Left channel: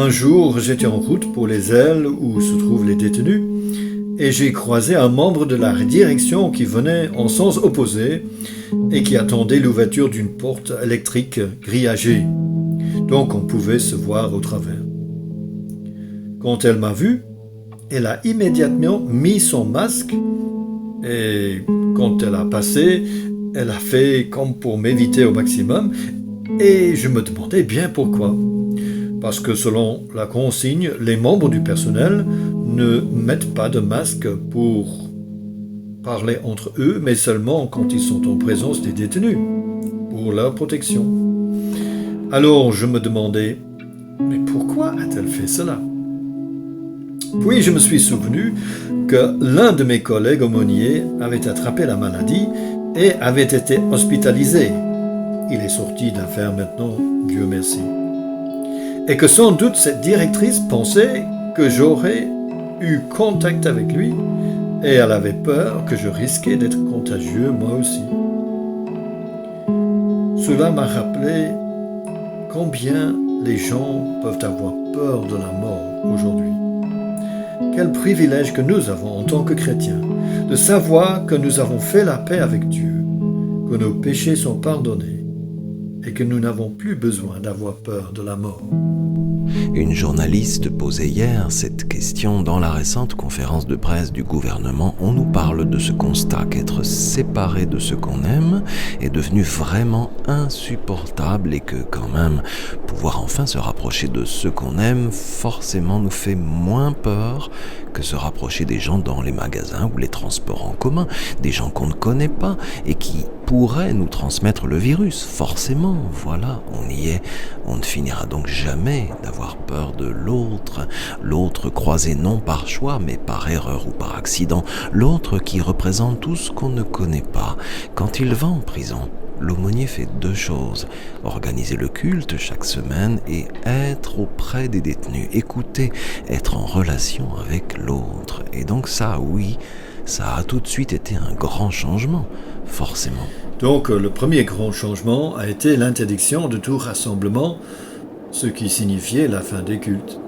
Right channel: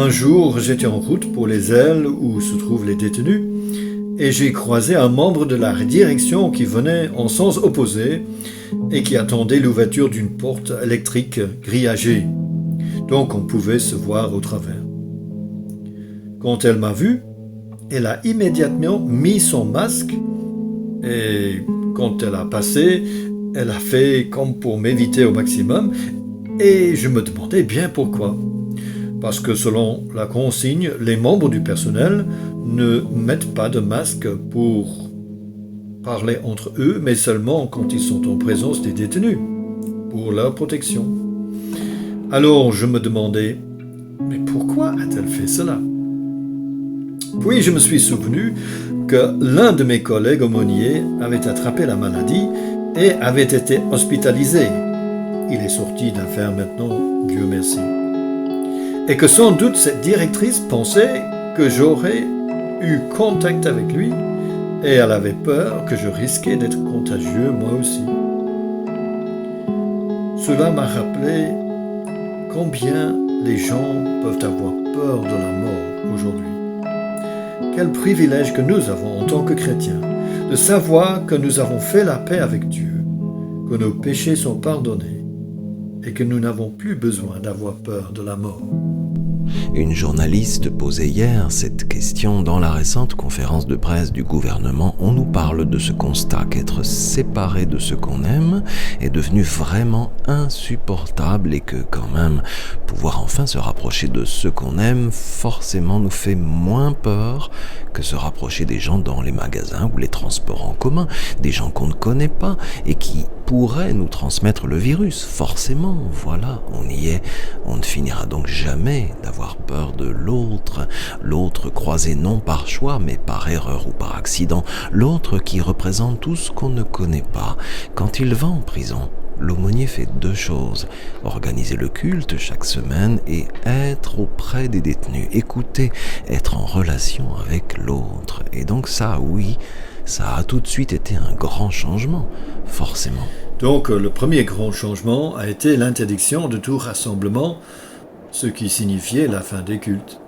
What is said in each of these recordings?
Un jour, j'étais en route pour les ailes où se trouvent les détenus et j'ai croisé un membre de la direction qui venait en sens opposé et qui attendait l'ouverture d'une porte électrique grillagée. Donc on pouvait se voir au travers. Quand elle m'a vu, elle a immédiatement mis son masque et quand elle a passé, elle a fait comme pour m'éviter au maximum et je me demandais bien pourquoi. Parce que selon la consigne, les membres du personnel ne mettent pas de masque pour parler entre eux, mais seulement quand ils sont en présence des détenus, pour leur protection. Alors je me demandais, mais pourquoi a-t-elle fait cela? Puis je me suis souvenu que l'un de mes collègues aumôniers avait attrapé la maladie et avait été hospitalisé. Il est sorti d'affaire maintenant, Dieu merci. Et que sans doute cette directrice pensait que j'aurais eu contact avec lui et elle avait peur que je risquais d'être contagieux moi aussi. Cela m'a rappelé combien les gens peuvent avoir peur de la mort aujourd'hui. Quel privilège que nous avons en tant que chrétiens de savoir que nous avons fait la paix avec Dieu, que nos péchés sont pardonnés et que nous n'avons plus besoin d'avoir peur de la mort. Une journaliste posait hier cette question dans la récente conférence de presse du gouvernement. On nous parle de ce constat qu'être séparé de ce qu'on aime est devenu vraiment insupportable et que quand même pouvoir enfin se rapprocher de ceux qu'on aime forcément nous fait moins peur que se rapprocher des gens dans les magasins ou les transports en commun, des gens qu'on ne connaît pas et qui pourraient nous transmettre le virus. Forcément, voilà, on y est. On ne finira donc jamais d'avoir peur de l'autre, l'autre croisé non par choix mais par erreur ou par accident, l'autre qui représente tout ce qu'on ne connaît pas. Quand il va en prison, l'aumônier fait 2 choses, organiser le culte chaque semaine et être auprès des détenus, écouter, être en relation avec l'autre. Et donc ça, oui, ça a tout de suite été un grand changement, forcément. Donc le premier grand changement a été l'interdiction de tout rassemblement, ce qui signifiait la fin des cultes.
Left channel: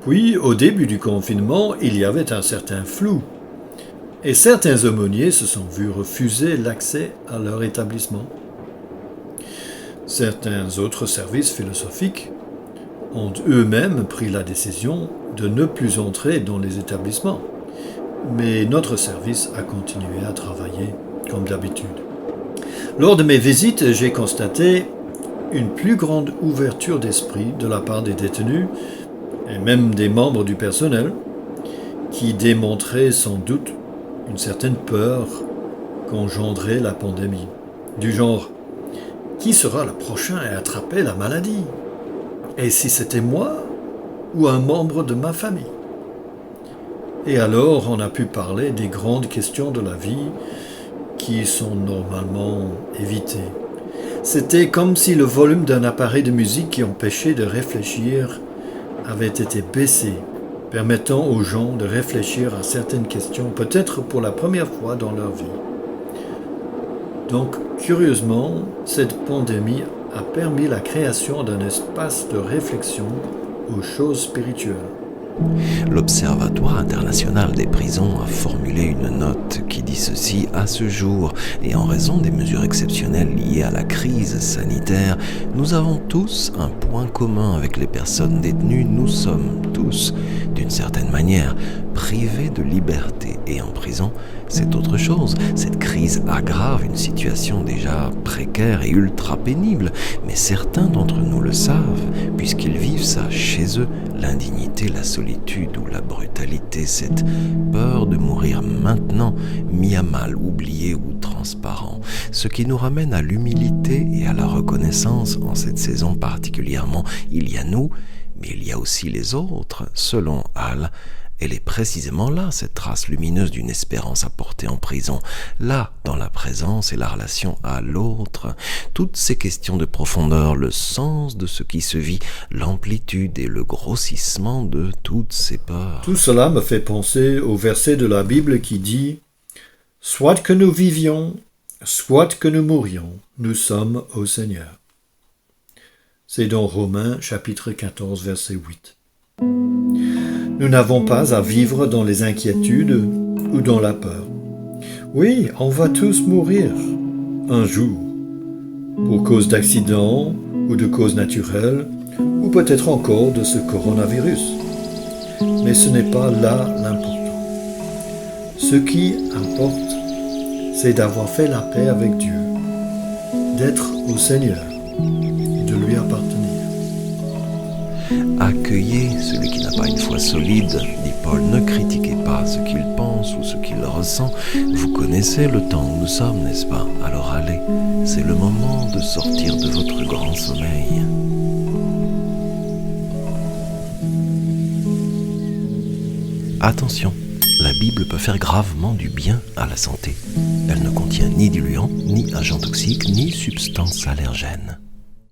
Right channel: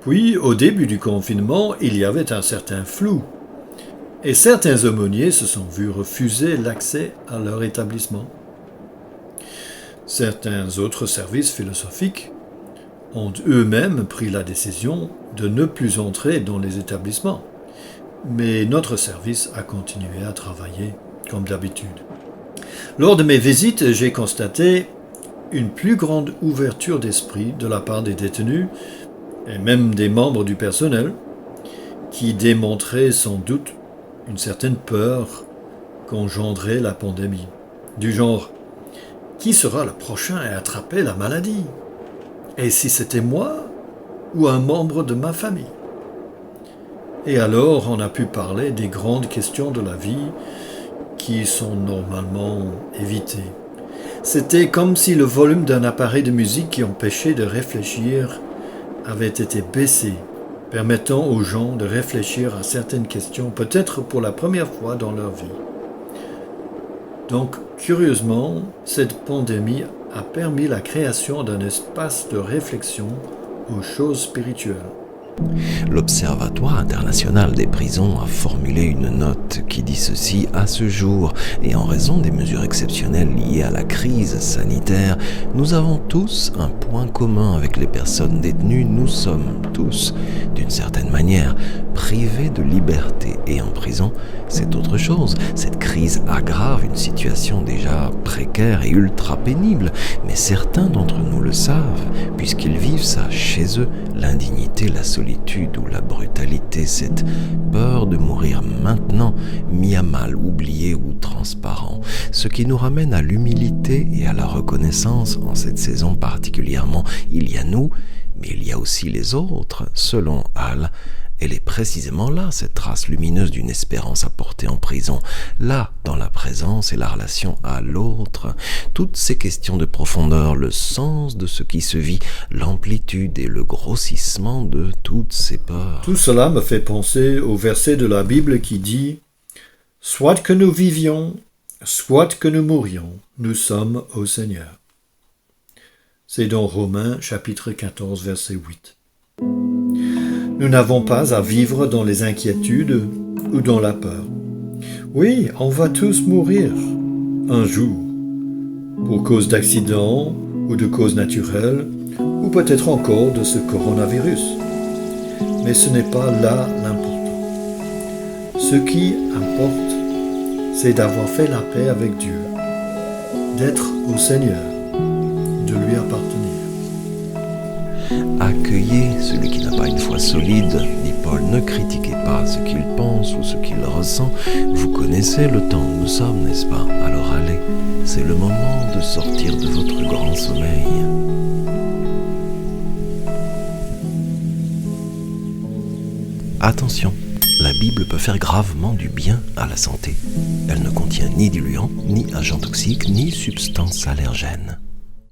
Puis, au début du confinement, il y avait un certain flou. Et certains aumôniers se sont vus refuser l'accès à leur établissement. Certains autres services philosophiques ont eux-mêmes pris la décision de ne plus entrer dans les établissements. Mais notre service a continué à travailler comme d'habitude. Lors de mes visites, j'ai constaté une plus grande ouverture d'esprit de la part des détenus et même des membres du personnel qui démontraient sans doute une certaine peur qu'engendrait la pandémie. Du genre, qui sera le prochain à attraper la maladie? Et si c'était moi ou un membre de ma famille? Et alors on a pu parler des grandes questions de la vie qui sont normalement évitées. C'était comme si le volume d'un appareil de musique qui empêchait de réfléchir avait été baissé, permettant aux gens de réfléchir à certaines questions, peut-être pour la première fois dans leur vie. Donc, curieusement, cette pandémie a permis la création d'un espace de réflexion aux choses spirituelles. L'Observatoire international des prisons a formulé une note qui dit ceci: à ce jour, et en raison des mesures exceptionnelles liées à la crise sanitaire, nous avons tous un point commun avec les personnes détenues. Nous sommes tous, d'une certaine manière, privés de liberté. Et en prison, c'est autre chose. Cette crise aggrave une situation déjà précaire et ultra pénible, mais certains d'entre nous le savent, puisqu'ils vivent ça chez eux, l'indignité, la solitude ou la brutalité, cette peur de mourir maintenant, mis à mal, oublié ou transparent. Ce qui nous ramène à l'humilité et à la reconnaissance en cette saison particulièrement. Il y a nous, mais il y a aussi les autres, selon Hall. Elle est précisément là, cette trace lumineuse d'une espérance apportée en prison, là, dans la présence et la relation à l'autre. Toutes ces questions de profondeur, le sens de ce qui se vit, l'amplitude et le grossissement de toutes ces peurs. Tout cela me fait penser au verset de la Bible qui dit « Soit que nous vivions, soit que nous mourions, nous sommes au Seigneur. » C'est dans Romains chapitre 14 verset 8. Nous n'avons pas à vivre dans les inquiétudes ou dans la peur. Oui, on va tous mourir un jour, pour cause d'accident ou de cause naturelle, ou peut-être encore de ce coronavirus. Mais ce n'est pas là l'important. Ce qui importe, c'est d'avoir fait la paix avec Dieu, d'être au Seigneur et de lui appartenir. Accueillez celui qui n'a pas une foi solide, dit Paul, ne critiquez pas ce qu'il pense ou ce qu'il ressent. Vous connaissez le temps où nous sommes, n'est-ce pas? Alors allez, c'est le moment de sortir de votre grand sommeil. Attention, la Bible peut faire gravement du bien à la santé. Elle ne contient ni diluants, ni agents toxiques, ni substances allergènes.